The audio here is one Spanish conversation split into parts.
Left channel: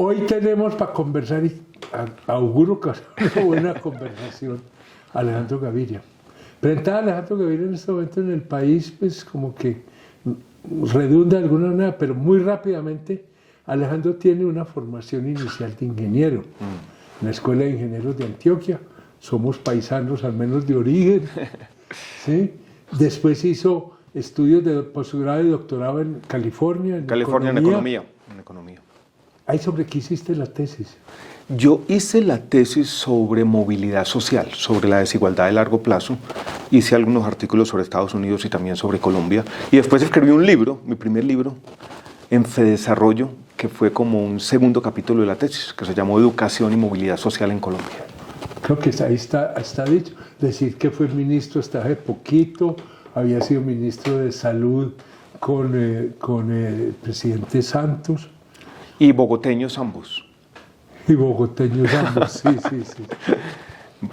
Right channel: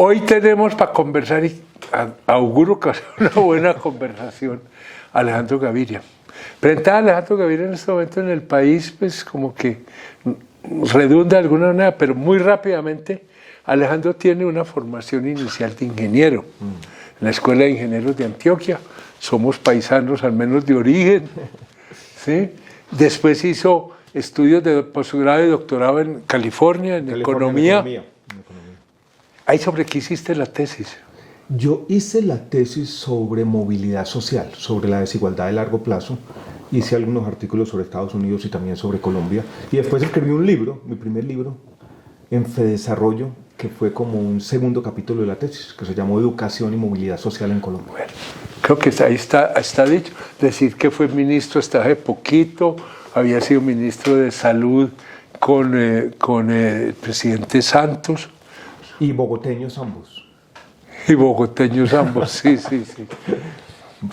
Hoy tenemos para conversar y auguro que va a ser una buena conversación Alejandro Gaviria. Frente a Alejandro Gaviria en este momento en el país, pues como que redunda de alguna manera, pero muy rápidamente Alejandro tiene una formación inicial de ingeniero en la Escuela de Ingenieros de Antioquia. Somos paisanos al menos de origen, ¿sí? Después hizo estudios de posgrado y doctorado en California, en economía. Ahí sobre qué hiciste la tesis. Yo hice la tesis sobre movilidad social, sobre la desigualdad de largo plazo. Hice algunos artículos sobre Estados Unidos y también sobre Colombia. Y después escribí un libro, mi primer libro, en Fedesarrollo, que fue como un segundo capítulo de la tesis, que se llamó Educación y Movilidad Social en Colombia. Creo que ahí está dicho. Decir que fue ministro hasta hace poquito, había sido ministro de Salud con el presidente Santos. Y bogoteños ambos. Y bogoteños ambos, sí.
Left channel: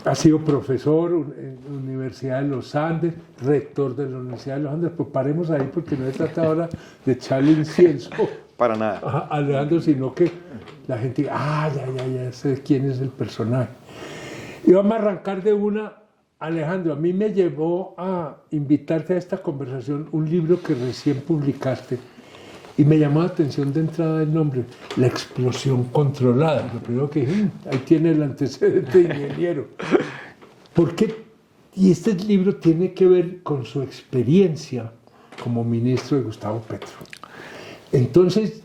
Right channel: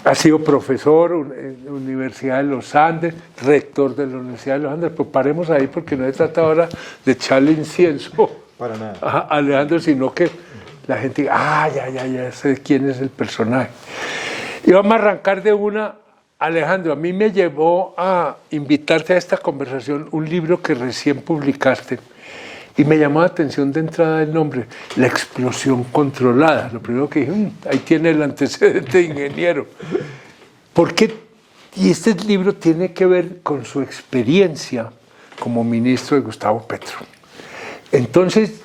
Ha sido profesor en la Universidad de los Andes, rector de la Universidad de los Andes. Pues paremos ahí porque no se trata ahora de echarle incienso para nada a Alejandro, sino que la gente diga, ya sé quién es el personaje. Y vamos a arrancar de una. Alejandro, a mí me llevó a invitarte a esta conversación un libro que recién publicaste y me llamó la atención de entrada el nombre, La explosión controlada. Lo primero que dije, ahí tiene el antecedente de ingeniero. ¿Por qué? Y este libro tiene que ver con su experiencia como ministro de Gustavo Petro. Entonces,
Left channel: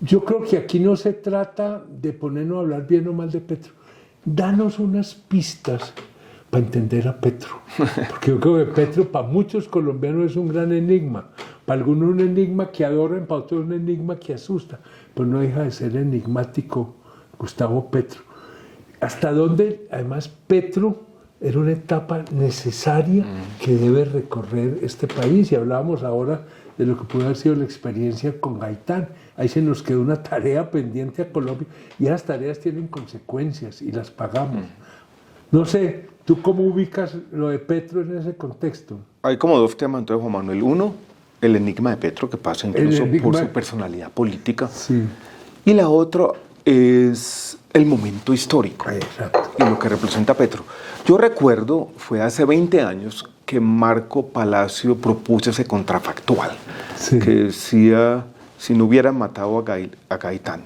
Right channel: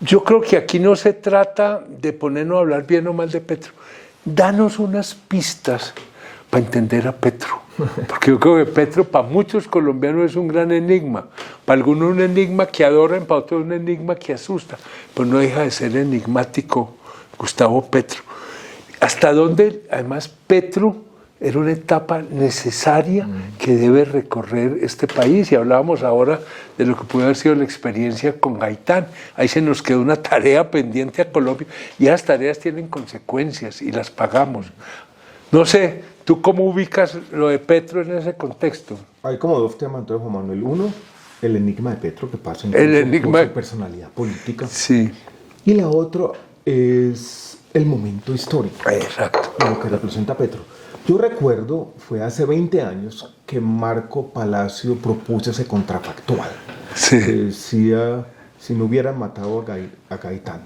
yo creo que aquí no se trata de ponernos a hablar bien o mal de Petro. Danos unas pistas para entender a Petro. Porque yo creo que Petro para muchos colombianos es un gran enigma. Para algunos un enigma que adoran, para otros un enigma que asusta. Pero no deja de ser enigmático Gustavo Petro. ¿Hasta dónde, además, Petro era una etapa necesaria que debe recorrer este país? Y hablábamos ahora de lo que puede haber sido la experiencia con Gaitán. Ahí se nos quedó una tarea pendiente a Colombia. Y esas tareas tienen consecuencias y las pagamos. No sé, ¿tú cómo ubicas lo de Petro en ese contexto? Hay como dos temas, entonces, Juan Manuel. Uno, el enigma de Petro, que pasa incluso por su personalidad política. Sí. Y la otra es el momento histórico. Exacto. Y lo que representa Petro. Yo recuerdo, fue hace 20 años, que Marco Palacio propuso ese contrafactual. Sí. Que decía, si no hubieran matado a Gaitán,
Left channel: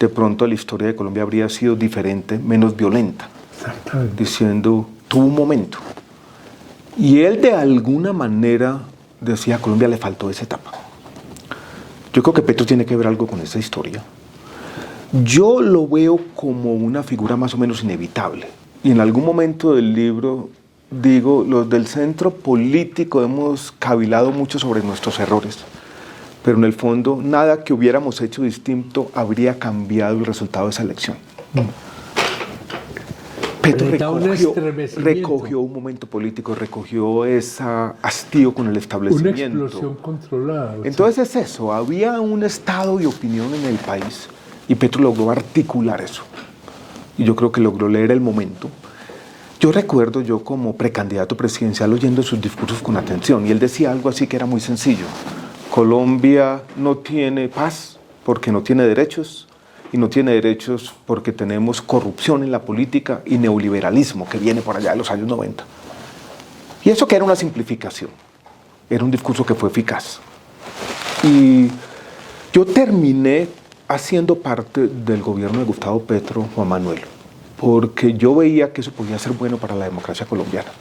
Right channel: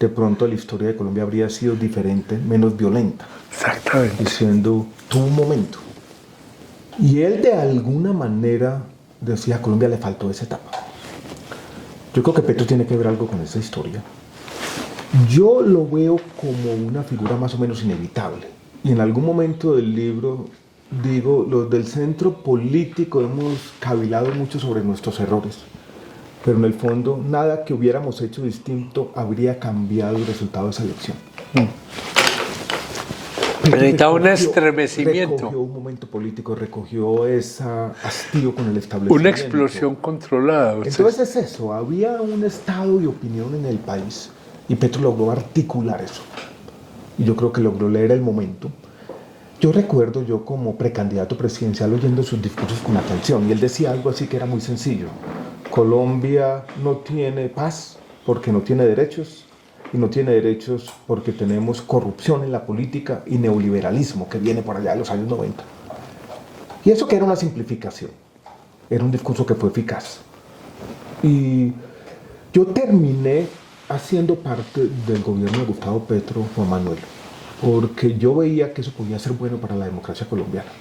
de pronto la historia de Colombia habría sido diferente, menos violenta. Exactamente. Diciendo, tuvo un momento. Y él de alguna manera decía, a Colombia le faltó esa etapa. Yo creo que Petro tiene que ver algo con esa historia. Yo lo veo como una figura más o menos inevitable. Y en algún momento del libro digo, los del centro político hemos cavilado mucho sobre nuestros errores. Pero en el fondo, nada que hubiéramos hecho distinto habría cambiado el resultado de esa elección. Necesitaba un estremecimiento. Recogió un momento político, recogió ese hastío con el establecimiento. Una explosión controlada. Entonces es eso, había un estado de opinión en el país y Petro logró articular eso. Y yo creo que logró leer el momento. Yo recuerdo yo como precandidato presidencial oyendo sus discursos con atención y él decía algo así que era muy sencillo. Colombia no tiene paz porque no tiene derechos. Y no tiene derechos porque tenemos corrupción en la política y neoliberalismo que viene por allá de los años 90. Y eso que era una simplificación, era un discurso que fue eficaz. Y yo terminé haciendo parte del gobierno de Gustavo Petro, Juan Manuel, porque yo veía que eso podía ser bueno para la democracia colombiana,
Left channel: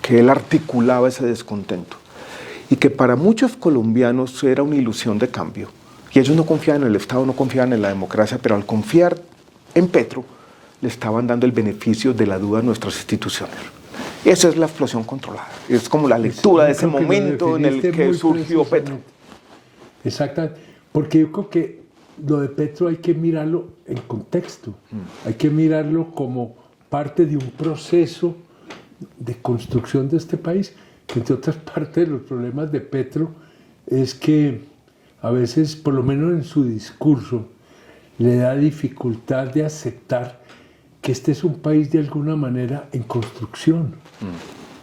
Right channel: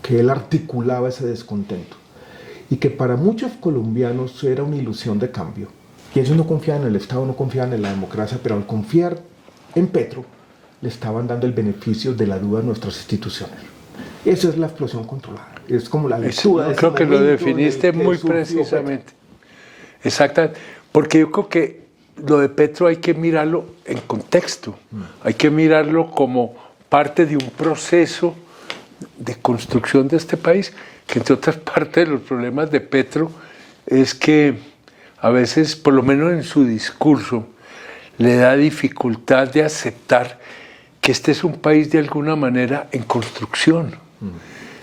que él articulaba ese descontento y que para muchos colombianos era una ilusión de cambio. Y ellos no confiaban en el Estado, no confiaban en la democracia, pero al confiar en Petro, le estaban dando el beneficio de la duda a nuestras instituciones. Esa es la explosión controlada. Es como la lectura de ese momento que lo definiste en el que muy surgió precisamente. Petro. Exactamente. Porque yo creo que lo de Petro hay que mirarlo en contexto. Hay que mirarlo como parte de un proceso de construcción de este país, que entre otras partes de los problemas de Petro es que a veces, por lo menos en su discurso, le da dificultad de aceptar que este es un país de alguna manera en construcción.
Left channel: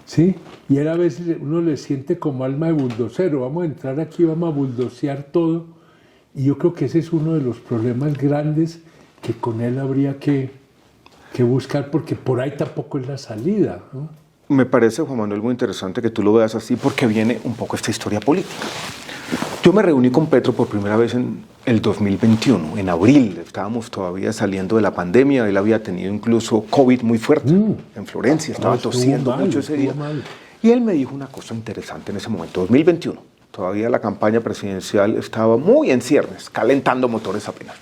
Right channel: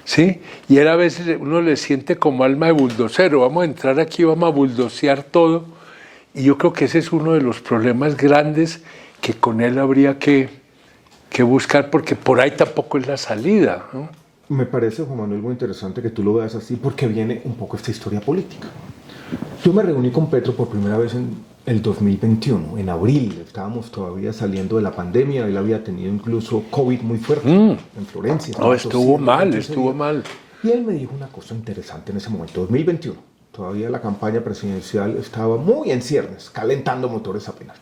¿Sí? Y él a veces uno le siente como alma de buldocero, vamos a entrar aquí, vamos a buldocear todo. Y yo creo que ese es uno de los problemas grandes que con él habría que buscar, porque por ahí tampoco es la salida, ¿no? Me parece, Juan Manuel, muy interesante que tú lo veas así, porque viene un poco esta historia política. Yo me reuní con Petro por primera vez en el 2021, en abril. Estábamos todavía saliendo de la pandemia. Él había tenido incluso COVID muy fuerte en Florencia. No, estuvo mal. Y él me dijo una cosa interesante en ese momento, 2021. Todavía la campaña presidencial estaba muy en ciernes, calentando motores apenas.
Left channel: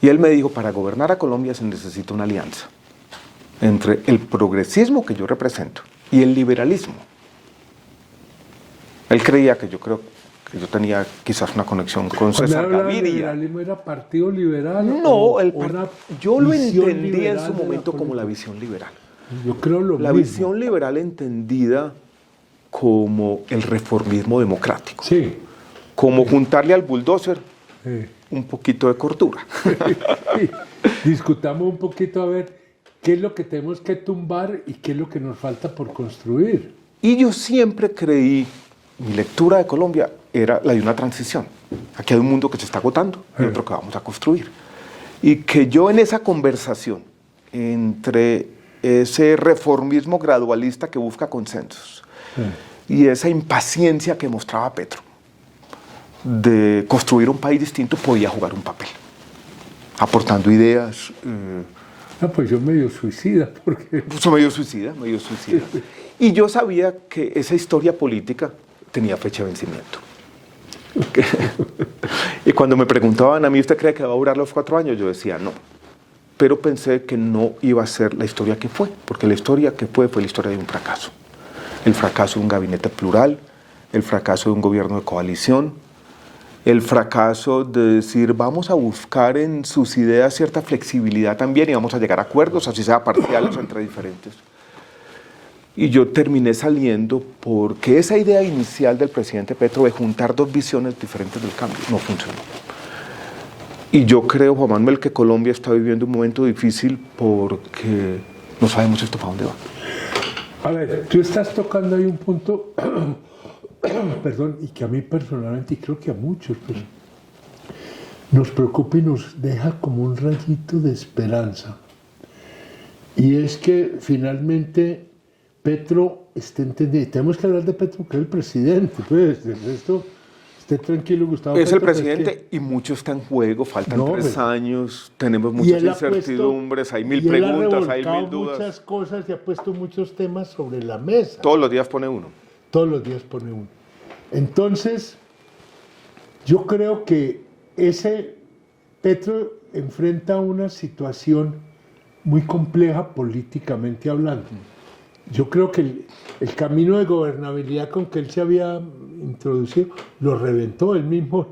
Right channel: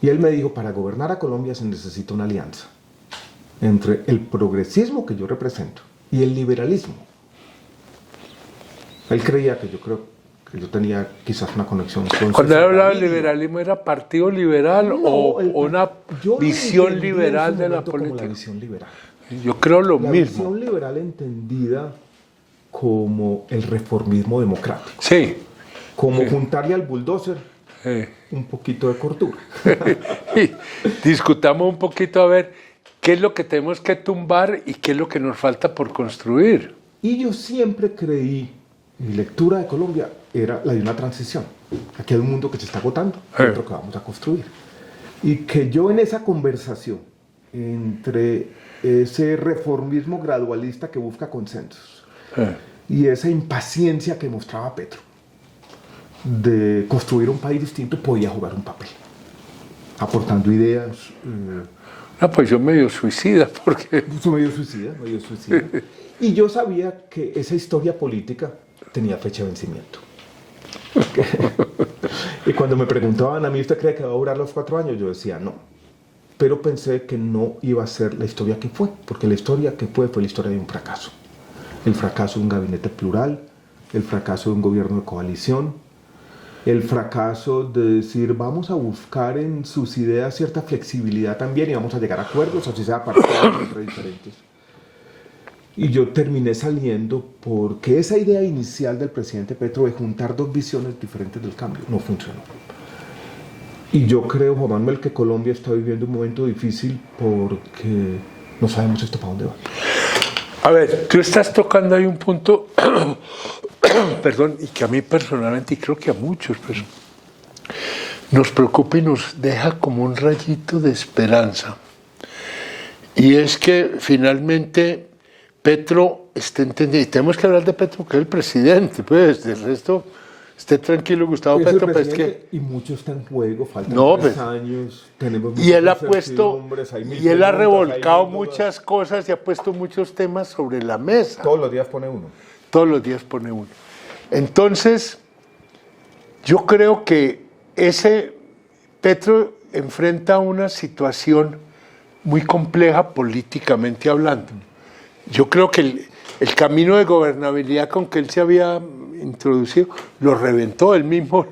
Y él me dijo, para gobernar a Colombia se necesita una alianza entre el progresismo que yo represento y el liberalismo. Él creía que yo tenía quizás una conexión con Cuando él hablaba de liberalismo, ¿era partido liberal o una visión liberal de la política? Como la visión liberal. Yo creo lo mismo. La visión liberal entendida como el reformismo democrático. Sí. Como juntarle al bulldozer un poquito de cordura. Discutamos un poquito a ver qué es lo que tenemos que tumbar y qué es lo que nos falta por construir. Y yo siempre creí, mi lectura de Colombia era la de una transición. Aquí hay un mundo que se está agotando y otro que vamos a construir. Y que yo en esa conversación entre ese reformismo gradualista que busca consensos y esa impaciencia que mostraba Petro de construir un país distinto, podía jugar un papel, aportando ideas. No, pues yo medio suicida, porque... Medio suicida. Y yo sabía que esa historia política tenía fecha de vencimiento. Y cuando me preguntaban a mí, ¿usted cree que va a durar los 4 años? Yo decía, no. Pero pensé que no iba a ser la historia que fue, porque la historia que fue la historia de un fracaso. El fracaso de un gabinete plural, el fracaso de un gobierno de coalición, el fracaso de decir, vamos a buscar en sus ideas cierta flexibilidad también y vamos a llegar a acuerdos, así sea parciales entre diferentes. Y yo terminé saliendo porque esa idea inicial del presidente Petro de juntar 2 visiones diferentes del cambio no funcionó. Y yo creo, Juan Manuel, que Colombia está viviendo un momento difícil porque no sabemos esto para dónde va. A ver, tú estás tocando ahí un punto, perdón, y que a mí personalmente, y creo que a muchos, pero nos preocupa y nos deja como un rayito de esperanza. Y es que finalmente Petro está entendiendo, y tenemos que hablar de Petro, que es el presidente, pues, del resto, esté tranquilo, Gustavo es Petro. El presidente y mucho está en juego, faltan 3 años, tenemos muchas incertidumbres, hay mil preguntas. Y él ha revolcado muchas cosas y ha puesto muchos temas sobre la mesa. Todos los días pone uno. Todos los días pone uno. Entonces, yo creo que ese Petro enfrenta una situación muy compleja políticamente hablando. Yo creo que el camino de gobernabilidad con que él se había introducido lo reventó, él mismo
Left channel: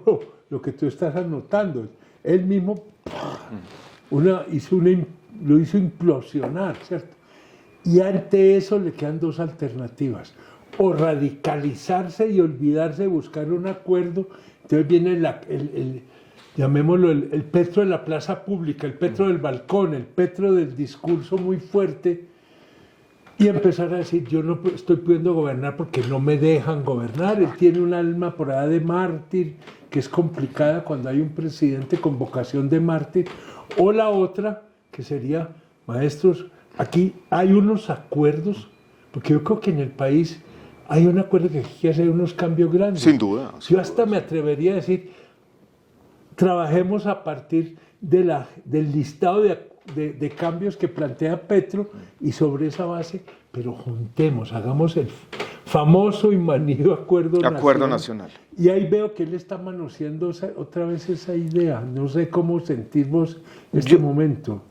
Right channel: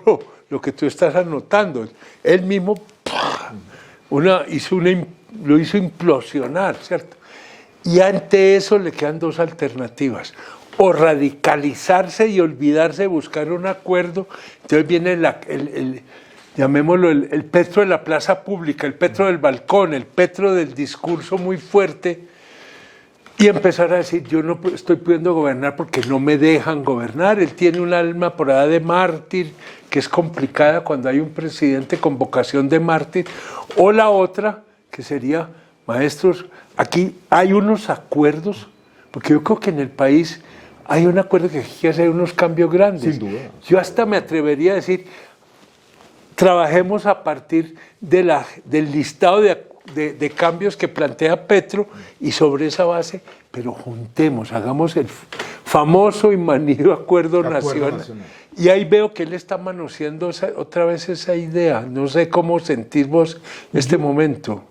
lo que tú estás anotando. Él mismo lo hizo implosionar, ¿cierto? Y ante eso le quedan 2 alternativas. O radicalizarse y olvidarse de buscar un acuerdo. Entonces viene llamémoslo el Petro de la plaza pública, el Petro del balcón, el Petro del discurso muy fuerte, y empezar a decir, yo no estoy pudiendo gobernar porque no me dejan gobernar. Él tiene un alma por allá de mártir, que es complicada cuando hay un presidente con vocación de mártir. O la otra, que sería, maestros, aquí hay unos acuerdos, porque yo creo que en el país hay un acuerdo que hay que hacer unos cambios grandes. Sin duda. Yo hasta me atrevería a decir, trabajemos a partir del listado de cambios que plantea Petro y sobre esa base, pero juntemos, hagamos el famoso y manido acuerdo nacional. Y ahí veo que él está manoseando otra vez esa idea. No sé cómo sentir vos en este momento.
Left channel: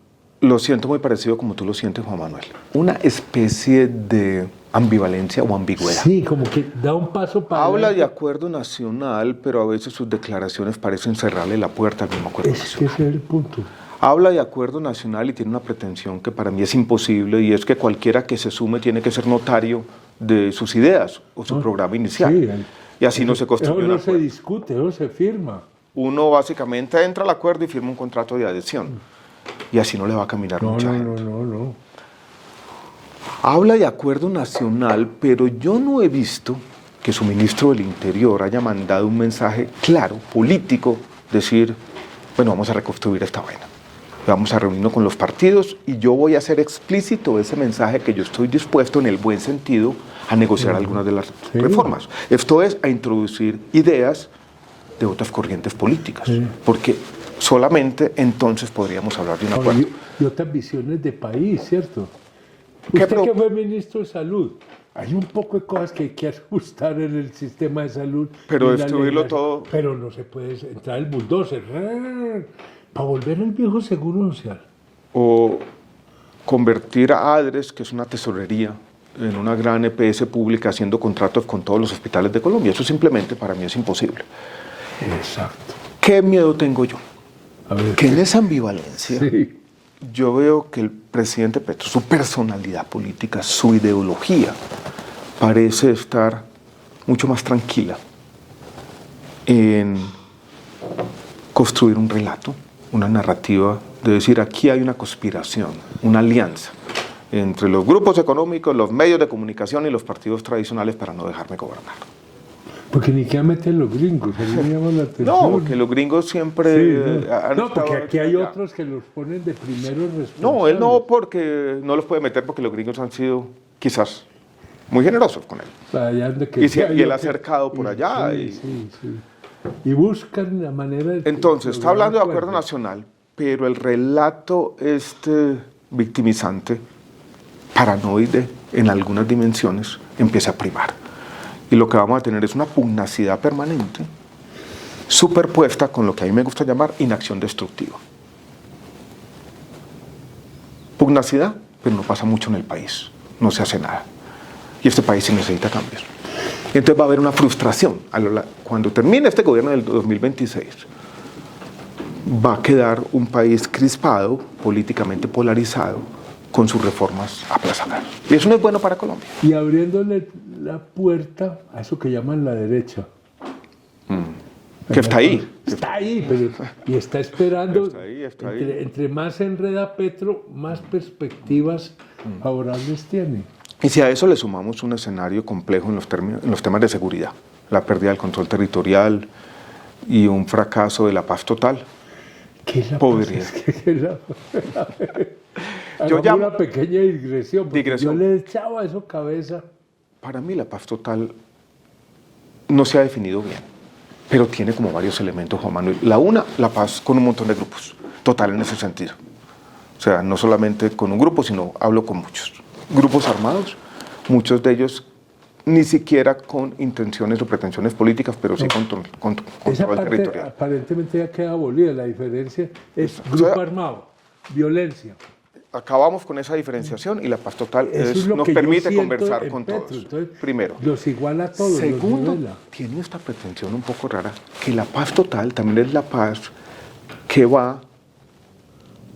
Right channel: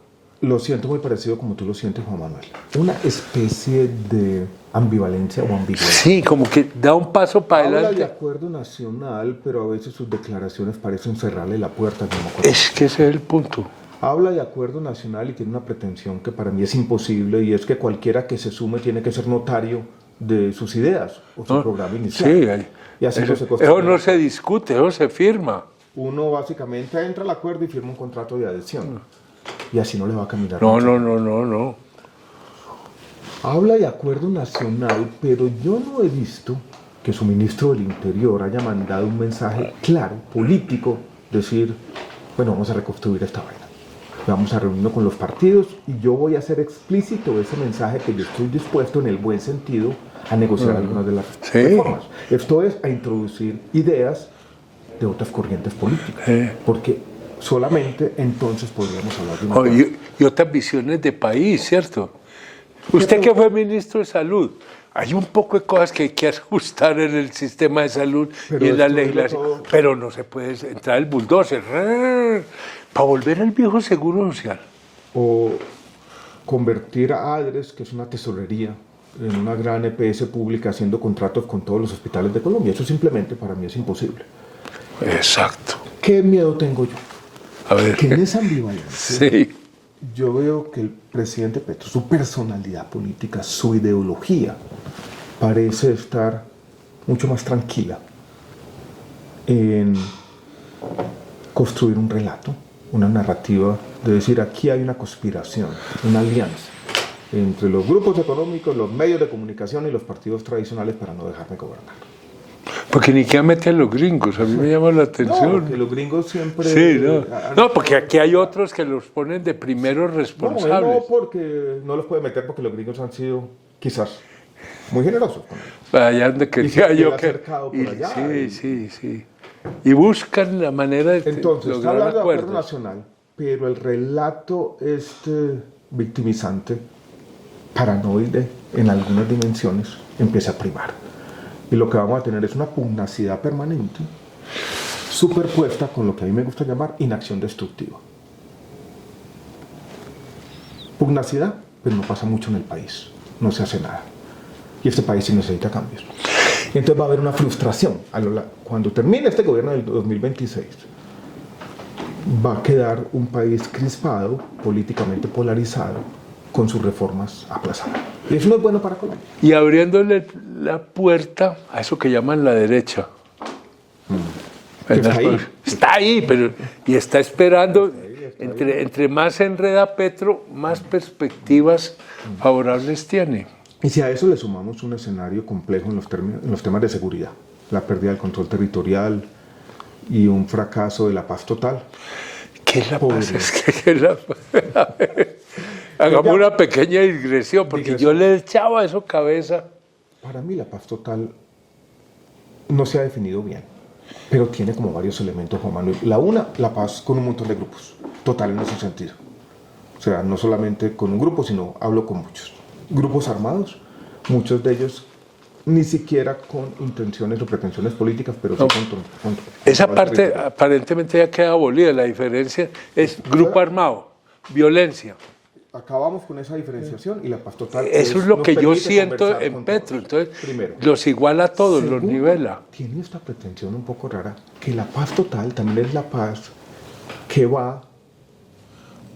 Lo siento muy parecido como tú lo sientes, Juan Manuel. Una especie de ambivalencia o ambigüedad. Sí, como que da un paso para adelante. Habla de acuerdo nacional, pero a veces sus declaraciones parecen cerrarle la puerta al mismo acuerdo. Es que ese es el punto. Habla de acuerdo nacional y tiene una pretensión que para mí es imposible, y es que cualquiera que se sume tiene que ser notario de sus ideas o su programa inicial. Sí, y así no se construye. Eso no se discute, eso se firma. Uno básicamente entra al acuerdo y firma un contrato de adhesión. Y así no le va a caminar. No. Habla de acuerdo nacional, pero yo no he visto que su ministro del Interior haya mandado un mensaje claro, político, decir, bueno, vamos a reconstruir esta vaina. vamos a reunirnos con los partidos y yo voy a hacer explícito ese mensaje que yo estoy dispuesto en el buen sentido a negociar algunas de las reformas. Esto es a introducir ideas de otras corrientes políticas, porque solamente entonces podríamos hablar de una acuerdo. Y otras visiones de país, ¿cierto? Usted que fue ministro de Salud, hay un poco de cosas que hay que ajustar en el sistema de salud pero y en la legislación, pero no se puede entrar el bulldozer para volver al viejo seguro social. O convertir a ADRES, que es una tesorería, en una gran EPS pública haciendo contratos con todos los hospitales de Colombia. Eso simplemente para mí es imposible. Exacto. ¿Qué miedo tengo yo? A ver, Que en esa ambivalencia sí. yo veo que el presidente Petro, su personalidad política, su ideología, parece estar mucho más tranquila en construir un relato, una narrativa de decir aquí hay una conspiración, una alianza entre los grupos económicos, los medios de comunicación y los partidos tradicionales para no dejarme gobernar. Porque ni que meten los gringos, a mí me llama la atención. No, porque los gringos siempre... Sí, no, porque aquí hay otros que los ponen de primeros No, responsables. él no, porque no los puede meter porque los gringos han sido quizás muy generosos con él. Allá donde Y se yo ha acercado por allá. Sí. Y buscan la manera de... Entonces, está hablando de acuerdo nacional, pero el relato victimizante, paranoide en algunas dimensiones, empieza a primar. Y lo que vamos a tener es una pugnacidad permanente, superpuesta con lo que a mí me gusta llamar inacción destructiva. Pugnacidad, pero no pasa mucho en el país, no se hace nada. Y este país sí necesita cambios. Entonces va a haber una frustración. Cuando termine este gobierno en el 2026, va a quedar un país crispado, políticamente polarizado, con sus reformas aplazadas. Y eso no es bueno para Colombia. Y abriéndole la puerta a eso que llaman la derecha. Que está ahí. Está ahí, pero y está esperando. Está ahí. Entre más se enreda Petro, más perspectivas favorables tiene. Y si a eso le sumamos un escenario complejo en los temas de seguridad, la pérdida del control territorial y un fracaso de la paz total. ¿Qué es la paz? ¿Qué es la paz? Hagamos una pequeña digresión, porque yo le echaba eso cabeza. Para mí la paz total no se ha definido bien, pero tiene como varios elementos, Juan Manuel. La paz con un montón de grupos, total en ese sentido. O sea, no solamente con un grupo, sino hablo con muchos. Grupos armados, muchos de ellos ni siquiera con intenciones o pretensiones políticas, pero sí con esa parte territorial. Aparentemente ya queda abolida. La diferencia es grupo armado, violencia. Acabamos con esa diferenciación y la paz total eso es lo que yo siento en Petro. Entonces, primero, los iguala a todos, los nivela. Tiene esta pretensión un poco rara, que la paz total también es la paz que va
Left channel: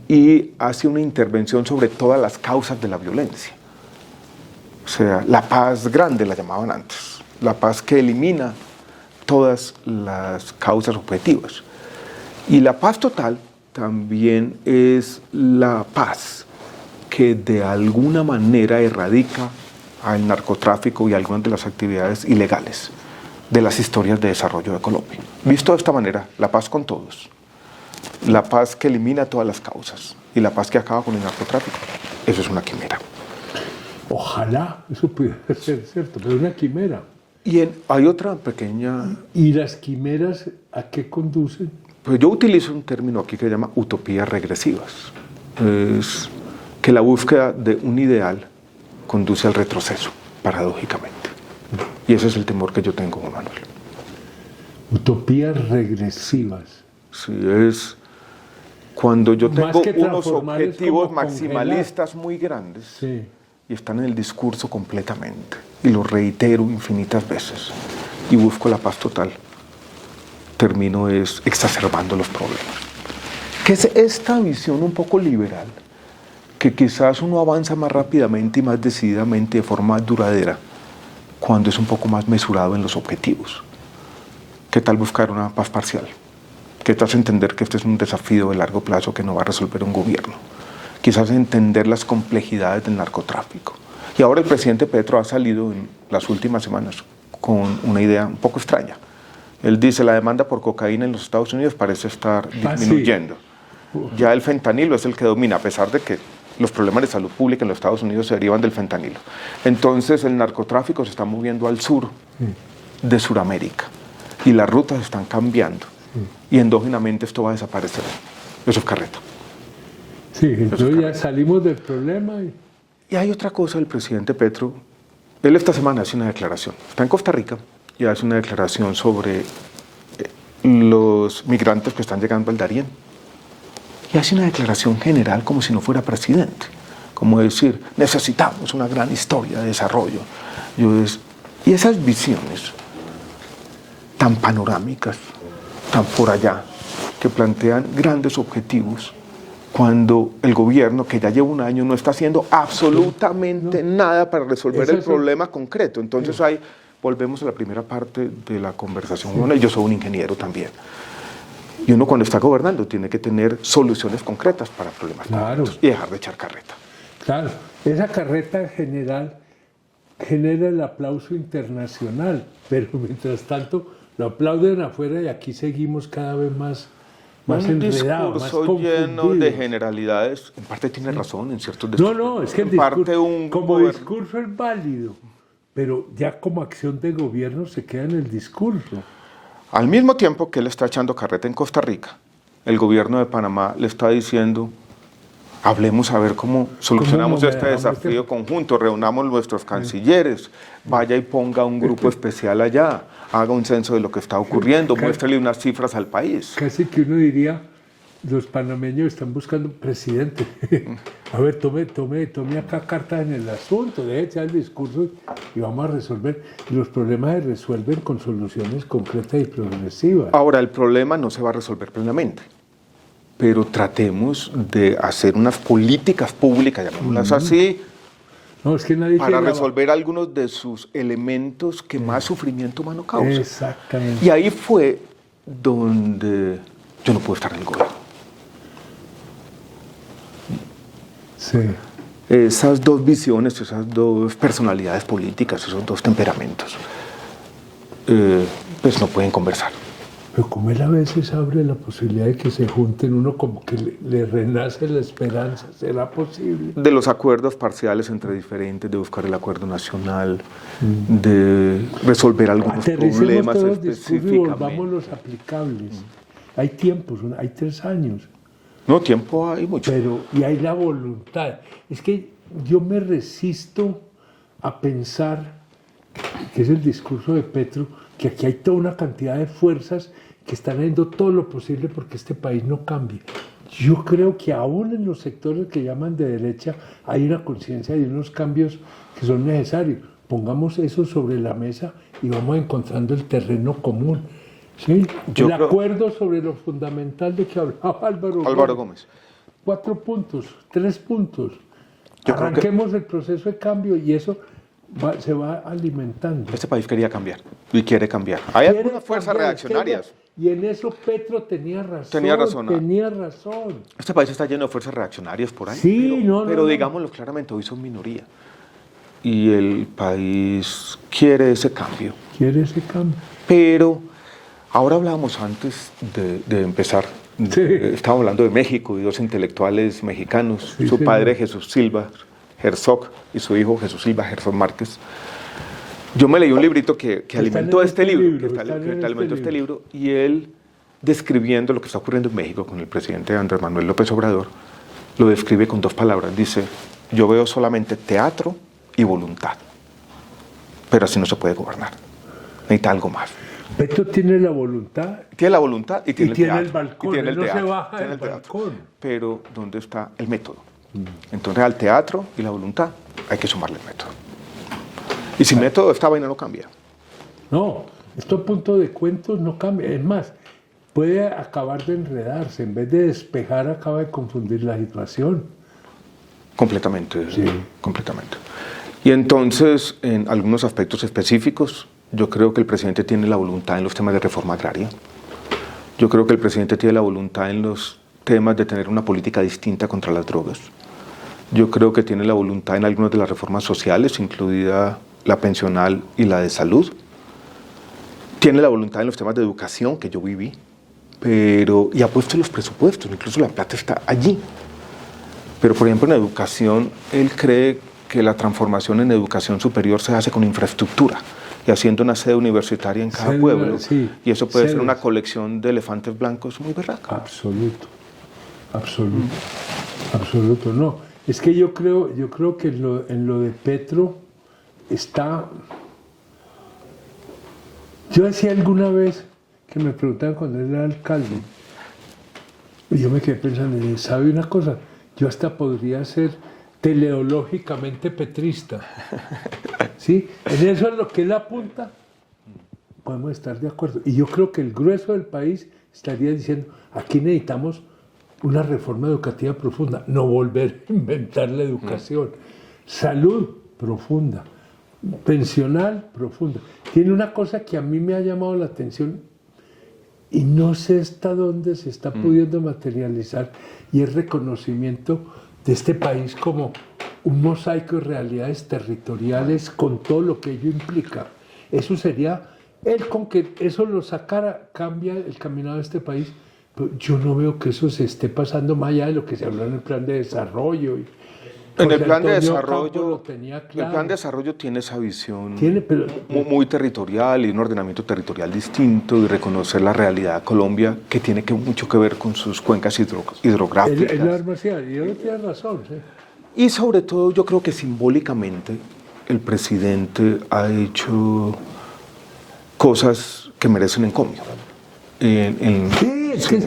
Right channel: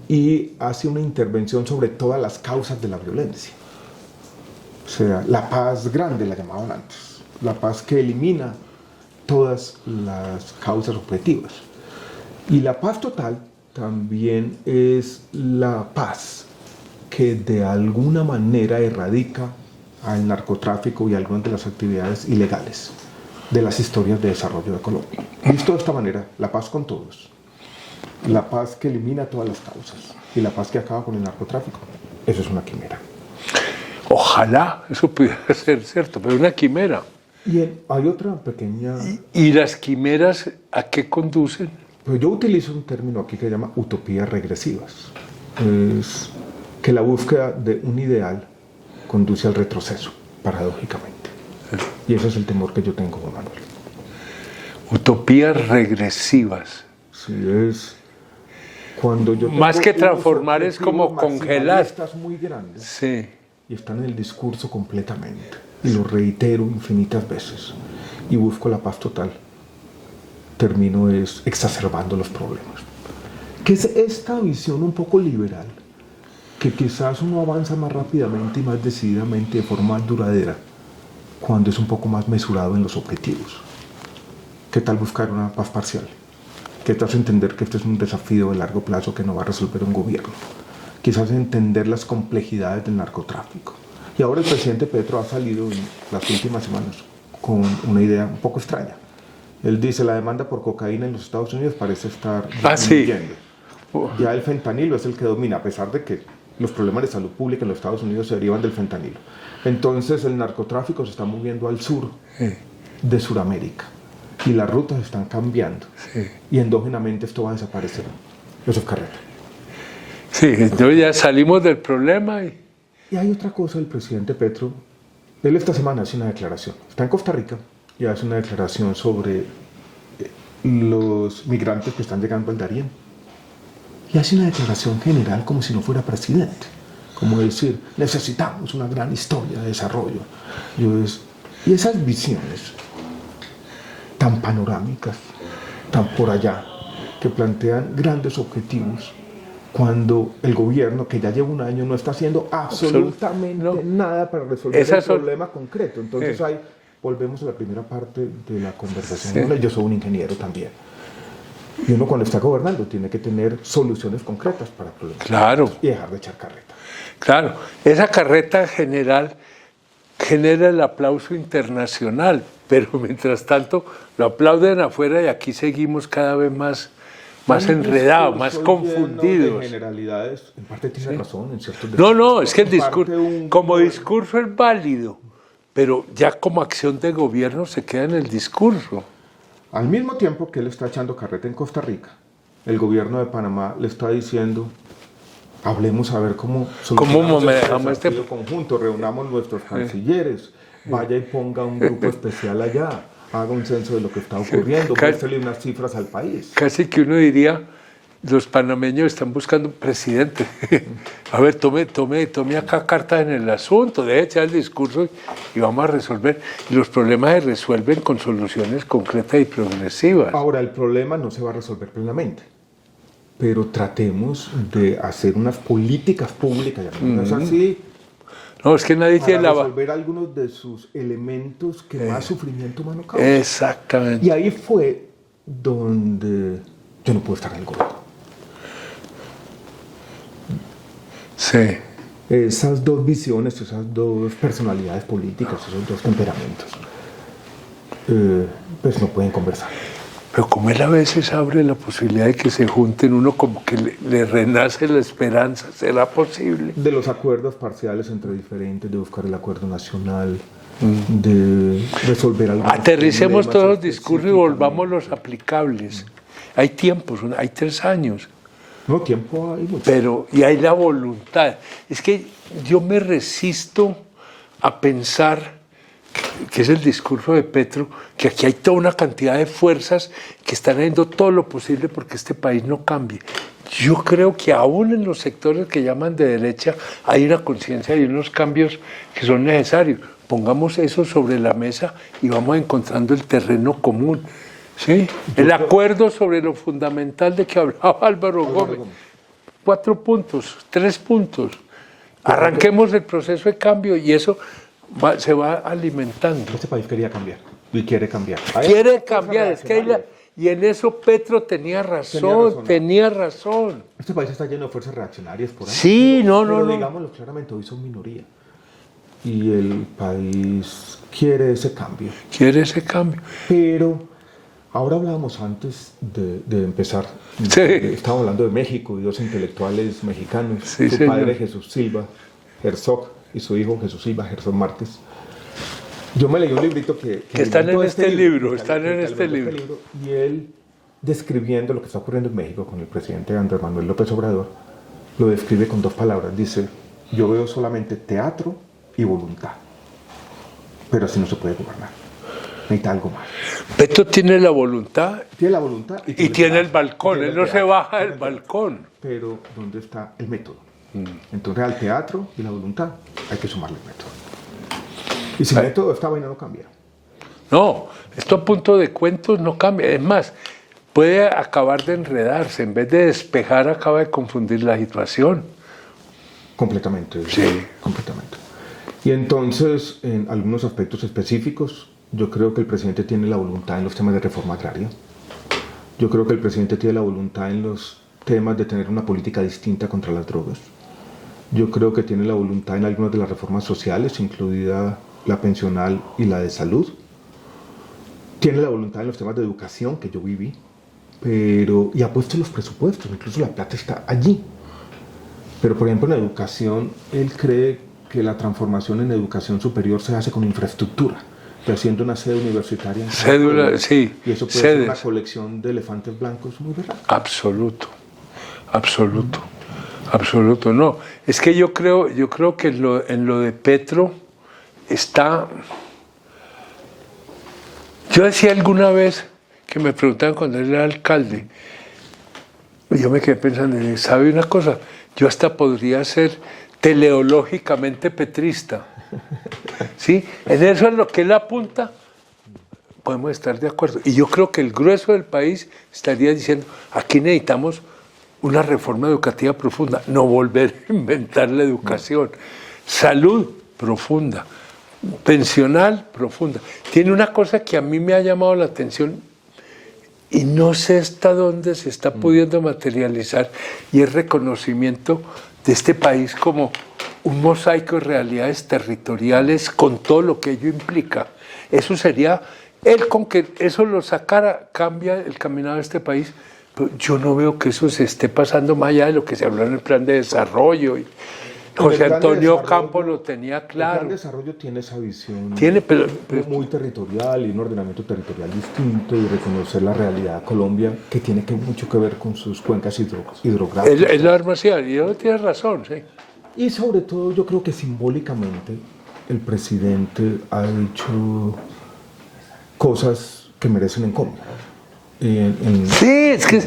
y hace una intervención sobre todas las causas de la violencia. O sea, la paz grande la llamaban antes, la paz que elimina todas las causas objetivas. Y la paz total también es la paz que de alguna manera erradica al narcotráfico y algunas de las actividades ilegales de las historias de desarrollo de Colombia. Visto de esta manera, la paz con todos, la paz que elimina todas las causas y la paz que acaba con el narcotráfico, eso es una quimera. Ojalá eso pudiera ser cierto, pero una quimera. Y hay otra pequeña... ¿Y las quimeras a qué conducen? Pues yo utilizo un término aquí que se llama utopías regresivas. Es que la búsqueda de un ideal conduce al retroceso, paradójicamente. Y ese es el temor que yo tengo, Juan Manuel. Utopías regresivas. Sí, es cuando yo tengo más que transformar es como congelar muy grandes. Sí. Y están en el discurso completamente. Y lo reitero infinitas veces. Y busco la paz total. Termino exacerbando los problemas. Que es esta visión un poco liberal, que quizás uno avanza más rápidamente y más decididamente de forma más duradera cuando es un poco más mesurado en los objetivos. ¿Qué tal buscar una paz parcial? ¿Qué tal entender que este es un desafío de largo plazo que no va a resolver un gobierno? Quizás entender las complejidades del narcotráfico. Y ahora el presidente Petro ha salido en las últimas semanas con una idea un poco extraña. Él dice, la demanda por cocaína en los Estados Unidos parece estar disminuyendo. Ya el fentanilo es el que domina, a pesar de que los problemas de salud pública en los Estados Unidos se derivan del fentanilo. Entonces el narcotráfico se está moviendo al sur de Sudamérica y las rutas están cambiando. Y endógenamente esto va a desaparecer. Eso es carreta. Sí, entonces ya salimos del problema. Y hay otra cosa, el presidente Petro, él esta semana hace una declaración. Está en Costa Rica y hace una declaración sobre los migrantes que están llegando al Darién. Y hace una declaración general como si no fuera presidente. Como decir, necesitamos una gran historia de desarrollo. Y esas visiones tan panorámicas, tan por allá, que plantean grandes objetivos, cuando el gobierno, que ya lleva un año, no está haciendo absolutamente nada para resolver el problema concreto. Entonces ahí volvemos a la primera parte de la conversación. Bueno, yo soy un ingeniero también. Y uno cuando está gobernando tiene que tener soluciones concretas para problemas concretos y dejar de echar carreta. Claro, esa carreta general genera el aplauso internacional, pero mientras tanto lo aplauden afuera y aquí seguimos cada vez más enredados, más confundidos. Lleno de generalidades, en parte tiene razón en ciertos No, es que el discurso, como discurso es válido, pero ya como acción de gobierno se queda en el discurso. Al mismo tiempo que él está echando carreta en Costa Rica, el gobierno de Panamá le está diciendo, hablemos a ver cómo solucionamos este desafío conjunto, reunamos nuestros cancilleres, vaya y ponga un grupo especial allá, haga un censo de lo que está ocurriendo, muéstrele unas cifras al país. Casi que uno diría, los panameños están buscando un presidente. A ver, tome acá carta en el asunto, deje echar el discurso y vamos a resolver. Y los problemas se resuelven con soluciones concretas y progresivas. Ahora, el problema no se va a resolver plenamente, pero tratemos de hacer unas políticas públicas, llamémoslas así, no, es que nadie para resolver algunos de sus elementos que más sufrimiento humano causan. Exactamente. Y ahí fue donde yo no puedo estar en el gobierno. Sí. Esas dos visiones, esas dos personalidades políticas, esos dos temperamentos, pues no pueden conversar. Pero como él a veces abre la posibilidad de que se junten, uno como que le renace la esperanza, ¿será posible? De los acuerdos parciales entre diferentes, de buscar el acuerdo nacional, de resolver algunos Aterricemos problemas todos los discursos y volvamos los aplicables. Hay tiempos, hay 3 años. No, tiempo hay mucho. Pero, y hay la voluntad. Es que yo me resisto a pensar, que es el discurso de Petro, que aquí hay toda una cantidad de fuerzas que están haciendo todo lo posible porque este país no cambie. Yo creo que aún en los sectores que llaman de derecha hay una conciencia y unos cambios que son necesarios. Pongamos eso sobre la mesa y vamos encontrando el terreno común. ¿Sí? El acuerdo sobre lo fundamental de que hablaba Álvaro Gómez. 4 puntos, 3 puntos. Arranquemos el proceso de cambio y eso se va alimentando. Este país quería cambiar y quiere cambiar. Quiere cambiar. Y en eso Petro tenía razón. Este país está lleno de fuerzas reaccionarias por ahí. Sí, pero digámoslo claramente, hoy son minoría. Y el país quiere ese cambio. Pero ahora hablábamos antes de empezar. Sí. Estaba hablando de México y 2 intelectuales mexicanos. Su padre Jesús Silva Herzog y su hijo Jesús Silva Herzog Márquez. Yo me leí un librito que alimentó este libro. Y él, describiendo lo que está ocurriendo en México con el presidente Andrés Manuel López Obrador, lo describe con 2 palabras. Dice, yo veo solamente teatro y voluntad. Pero así no se puede gobernar. Necesita algo más. Petro tiene la voluntad. Tiene la voluntad y tiene el balcón. Él no se baja del balcón. Pero ¿dónde está el método? Entonces al teatro y la voluntad hay que sumarle el método. Y sin método esta vaina no cambia. No, esto a punto de cuentos no cambia. Es más, puede acabar de enredarse. En vez de despejar, acaba de confundir la situación. Completamente. Sí. Completamente. Y entonces, en algunos aspectos específicos, yo creo que el presidente tiene la voluntad en los temas de reforma agraria. Yo creo que el presidente tiene la voluntad en los temas de tener una política distinta contra las drogas. Yo creo que tiene la voluntad en algunas de las reformas sociales, incluida la pensional y la de salud. Tiene la voluntad en los temas de educación que yo viví, y ha puesto los presupuestos, incluso la plata está allí. Pero, por ejemplo, en educación, él cree que la transformación en educación superior se hace con infraestructura y haciendo una sede universitaria en cada pueblo. Sí, y eso puede ser una colección de elefantes blancos muy berraca. Absoluto. No, es que yo creo que en lo de Petro está... Yo decía alguna vez que me preguntaban cuando él era alcalde, y yo me quedé pensando, ¿sabe una cosa? Yo hasta podría ser teleológicamente petrista. ¿Sí? En eso es lo que él apunta, podemos estar de acuerdo. Y yo creo que el grueso del país estaría diciendo, aquí necesitamos una reforma educativa profunda, no volver a inventar la educación. Salud profunda, pensional profunda. Tiene una cosa que a mí me ha llamado la atención y no sé hasta dónde se está pudiendo materializar, y es reconocimiento de este país como un mosaico de realidades territoriales con todo lo que ello implica. Eso sería, él con que eso lo sacara, cambia el caminado de este país. Pero yo no veo que eso se esté pasando más allá de lo que se habló en el plan de desarrollo. Y José Antonio Campos lo tenía claro. El plan de desarrollo tiene esa visión pero muy territorial y un ordenamiento territorial distinto, y reconocer la realidad de Colombia, que tiene mucho que ver con sus cuencas hidrográficas. Es la armación, y él tiene razón, sí. Y sobre todo yo creo que simbólicamente el presidente ha hecho cosas que merecen encomio. Sí, es que...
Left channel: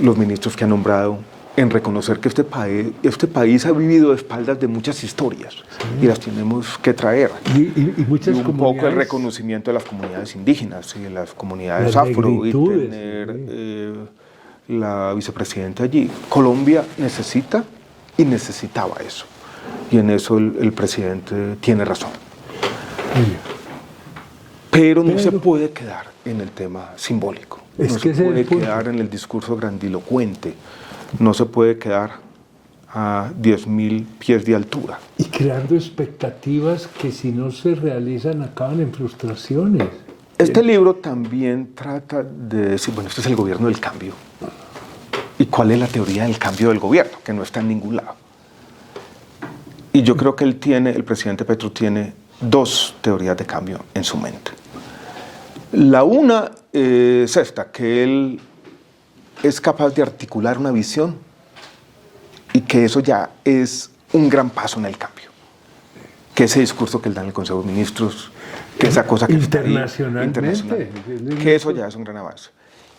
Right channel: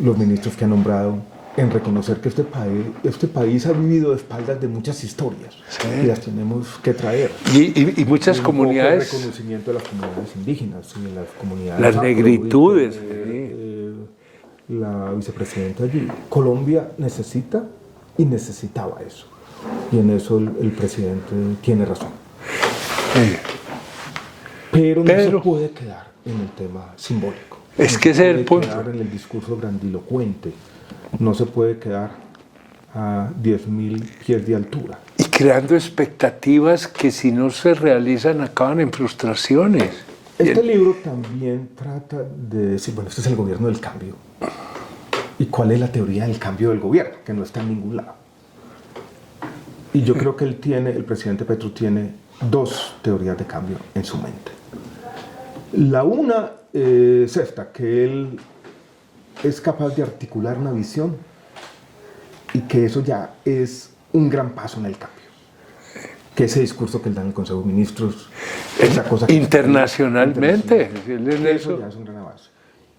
los ministros que ha nombrado, en reconocer que este país ha vivido de espaldas de muchas historias, sí, y las tenemos que traer. Y muchas comunidades. Un poco el reconocimiento de las comunidades indígenas y las comunidades las afro, negritudes. Y tener, la vicepresidenta allí. Colombia necesita y necesitaba eso. Y en eso el presidente tiene razón. Sí. Pero no se puede quedar en el tema simbólico. Es que ese es el punto. No se puede quedar en el discurso grandilocuente. No se puede quedar a 10.000 pies de altura. Y creando expectativas que, si no se realizan, acaban en frustraciones. Este libro también trata de decir, bueno, este es el gobierno del cambio. ¿Y cuál es la teoría del cambio del gobierno? Que no está en ningún lado. Y yo creo que el presidente Petro tiene dos teorías de cambio en su mente. La una es esta, que él es capaz de articular una visión y que eso ya es un gran paso en el cambio. Que ese discurso que él da en el Consejo de Ministros, esa cosa que internacionalmente, que eso ya es un gran avance.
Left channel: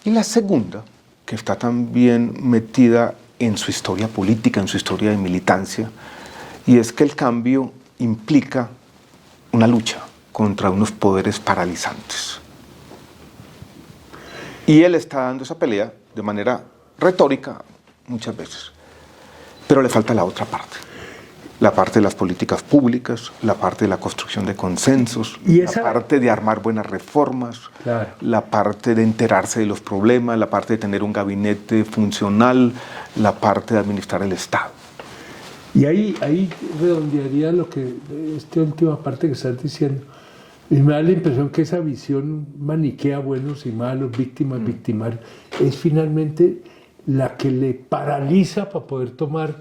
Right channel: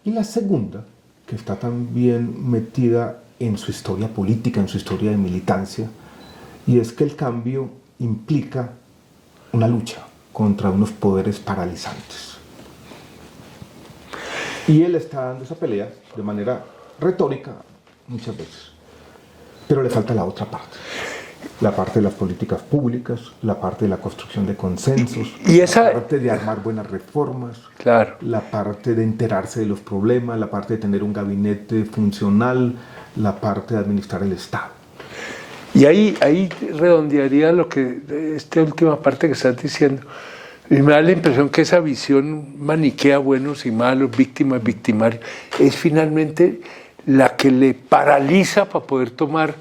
Y la segunda, que está también metida en su historia política, en su historia de militancia, y es que el cambio implica una lucha contra unos poderes paralizantes. Y él está dando esa pelea de manera retórica muchas veces. Pero le falta la otra parte. La parte de las políticas públicas, la parte de la construcción de consensos, la parte de armar buenas reformas, claro, la parte de enterarse de los problemas, la parte de tener un gabinete funcional, la parte de administrar el Estado. Y ahí redondearía lo que, esta última parte que estás diciendo. Y me da la impresión que esa visión maniquea buenos y malos, víctimas, victimarios, es finalmente la que le paraliza para poder tomar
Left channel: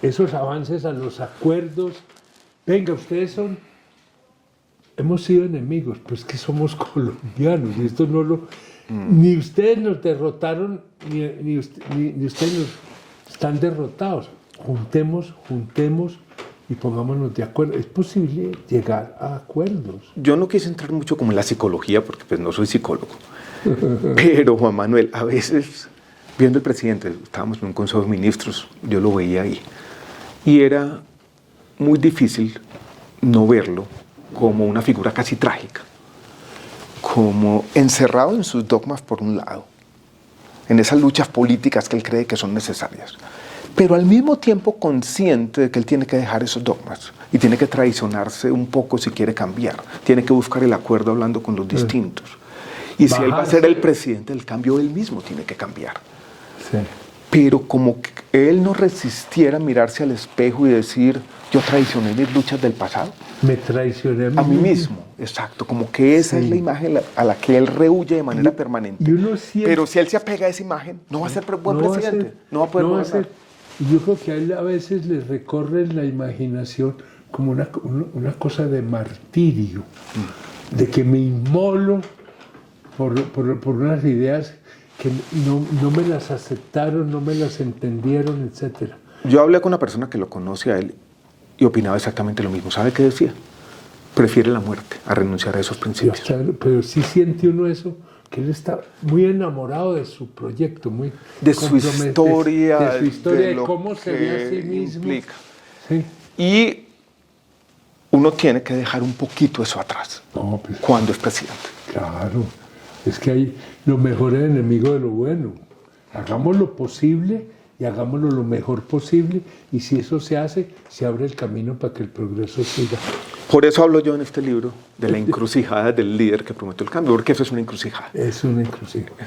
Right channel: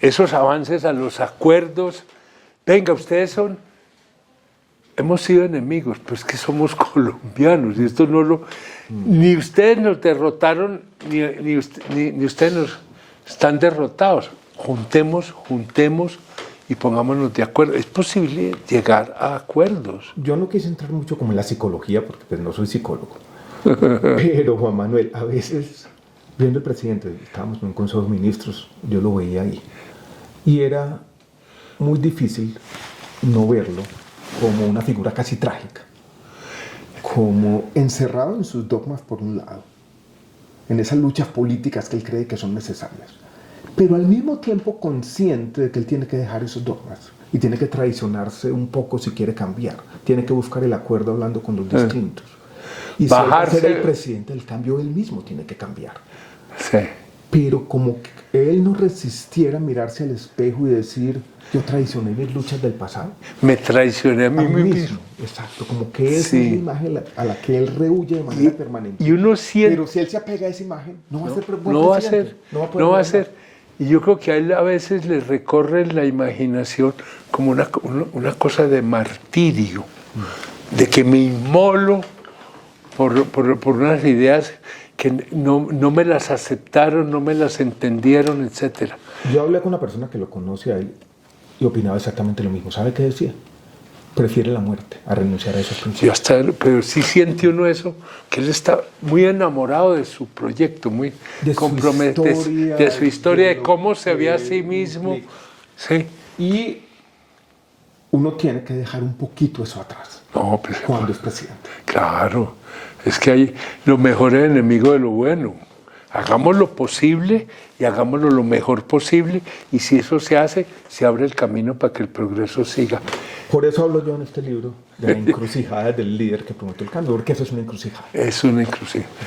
esos avances a los acuerdos. Venga, hemos sido enemigos, pero es que somos colombianos, y esto no lo... Ni ustedes nos derrotaron, ni ustedes nos están derrotados. Juntemos y pongámonos de acuerdo. Es posible llegar a acuerdos. Yo no quise entrar mucho como en la psicología, porque pues no soy psicólogo. Pero, Juan Manuel, a veces, viendo el presidente, estábamos en un Consejo de Ministros, yo lo veía ahí, y era muy difícil no verlo como una figura casi trágica, como encerrado en sus dogmas por un lado, en esas luchas políticas que él cree que son necesarias, pero al mismo tiempo consciente de que él tiene que dejar esos dogmas y tiene que traicionarse un poco si quiere cambiar, tiene que buscar el acuerdo hablando con los distintos. Y si él va a ser el presidente del cambio, él mismo tiene que cambiar. Sí. Pero como que él no resistiera mirarse al espejo y decir, yo traicioné mis luchas del pasado. Me traicioné a mí mismo. Exacto, como que esa es la imagen a la que él rehuye de manera permanente. Y uno siente, pero si él se apega a esa imagen, no va a ser buen no presidente. No va a ser. Y yo creo que a él a veces le recorre la imaginación como una cosa de martirio, de que me inmolo por unas ideas que no me las aceptaron, no me las entendieron, etc. Yo hablé con una persona que lo conoce a él y opinaba exactamente lo mismo. ¿Sabe qué decía? Prefiere la muerte a renunciar a esos principios. Pero sí siente uno eso, que él está muy enamorado de su proyecto, muy de comprometido de su historia, de cómo se ve a sí mismo. Sí. Y uno tiene que dejar un poquito eso atrás cuando es presidente. Claro, es que lo mejor es enemigo de lo bueno. Hagamos lo posible y hagámoslo lo mejor posible, y si eso se hace, se abre el camino para que el progreso siga. Por eso hablo yo en este libro de la encrucijada del líder que prometió el cambio, porque eso es una encrucijada. Es una encrucijada.